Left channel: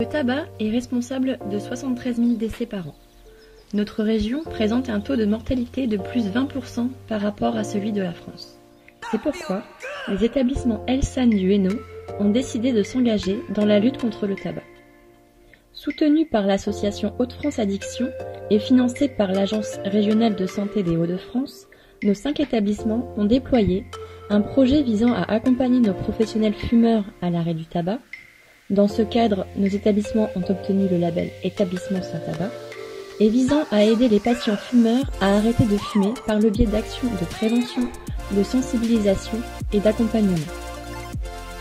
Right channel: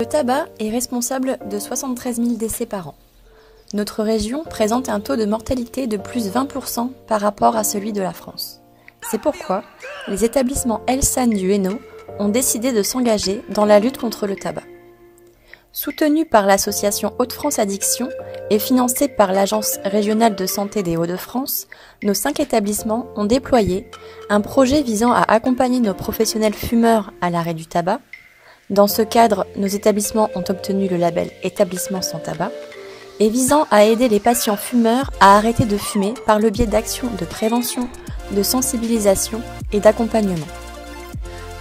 Le tabac est responsable de 73 000 décès par an. Notre région présente un taux de mortalité de plus 20% par rapport à celui de la France. C'est pourquoi les établissements Elsan du Hainaut ont décidé de s'engager dans la lutte contre le tabac. Soutenus par l'association Hauts-de-France Addiction et financés par l'Agence régionale de santé des Hauts-de-France, nos 5 établissements ont déployé un projet visant à accompagner nos professionnels fumeurs à l'arrêt du tabac. Dans ce cadre, nos établissements ont obtenu le label Établissement sans tabac et visant à aider les patients fumeurs à arrêter de fumer par le biais d'actions de prévention, de sensibilisation et d'accompagnement.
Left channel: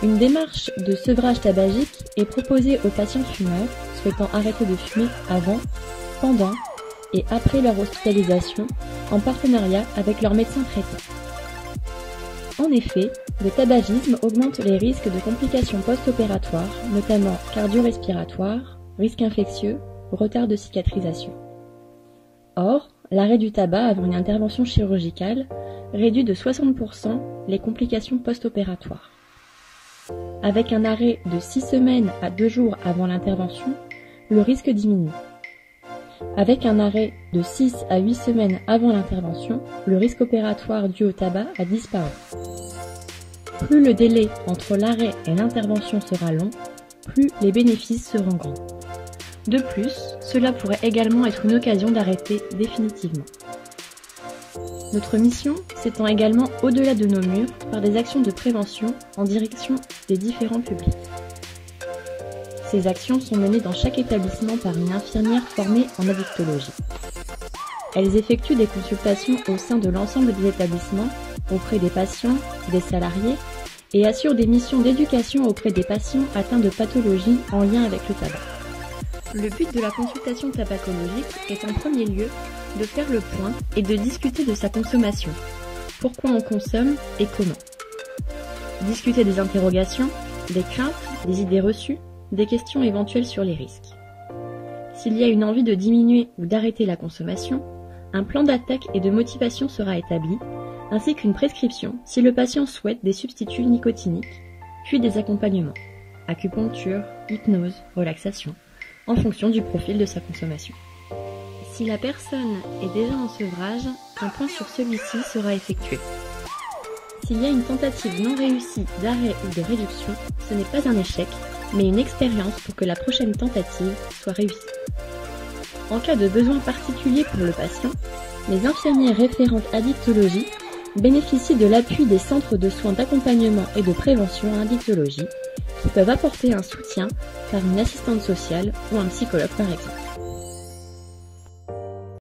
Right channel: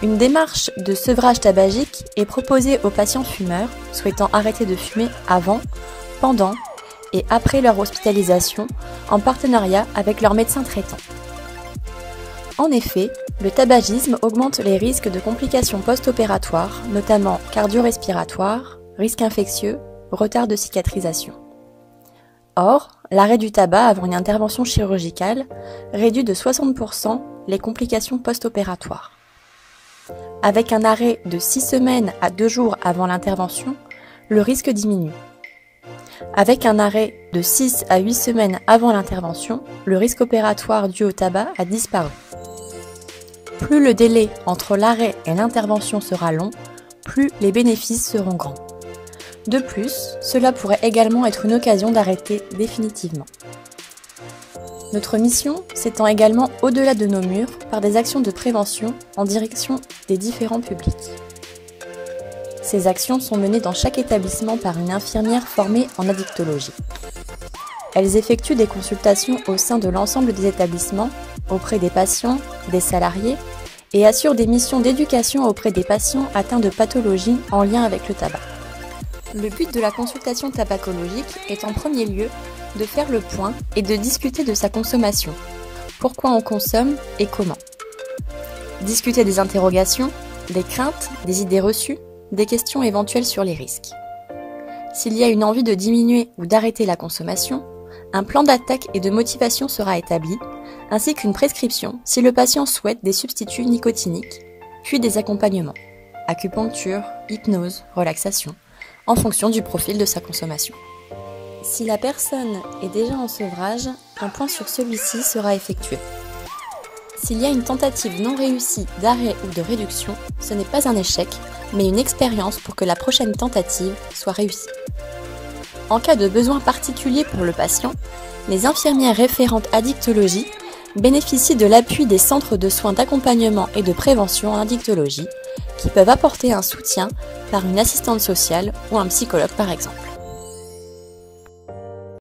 Une démarche de sevrage tabagique est proposée aux patients fumeurs souhaitant arrêter de fumer avant, pendant et après leur hospitalisation en partenariat avec leur médecin traitant. En effet, le tabagisme augmente les risques de complications post-opératoires, notamment cardio-respiratoires, risques infectieux, retard de cicatrisation. Or, l'arrêt du tabac avant une intervention chirurgicale réduit de 60% les complications post-opératoires. Avec un arrêt de 6 semaines à 2 jours avant l'intervention, le risque diminue. Avec un arrêt de 6 à 8 semaines avant l'intervention, le risque opératoire dû au tabac a disparu. Plus le délai entre l'arrêt et l'intervention sera long, plus les bénéfices seront grands. De plus, cela pourrait également être une occasion d'arrêter définitivement. Notre mission s'étend également au-delà de nos murs par des actions de prévention en direction des différents publics. Ces actions sont menées dans chaque établissement par une infirmière formée en addictologie. Elles effectuent des consultations au sein de l'ensemble des établissements, auprès des patients, des salariés, et assurent des missions d'éducation auprès des patients atteints de pathologies en lien avec le tabac. Le but de la consultation tabacologique est en premier lieu de faire le point et de discuter de sa consommation. Pourquoi on consomme et comment. Discuter des interrogations, des craintes, des idées reçues, des questions éventuelles sur les risques. S'il y a une envie de diminuer ou d'arrêter la consommation, un plan d'attaque et de motivation sera établi, ainsi qu'une prescription si le patient souhaite des substituts nicotiniques, puis des accompagnements, acupuncture, hypnose, relaxation, en fonction du profil de sa consommation. Si la personne est déjà en sevrage, un point sur celui-ci sera effectué. S'il y a une tentative non réussie d'arrêt ou de réduction, ce n'est pas un échec, mais une expérience pour que la prochaine tentative soit réussie. En cas de besoin particulier pour le patient, les infirmières référentes addictologie bénéficient de l'appui des centres de soins d'accompagnement et de prévention en addictologie, qui peuvent apporter un soutien par une assistante sociale ou un psychologue par exemple.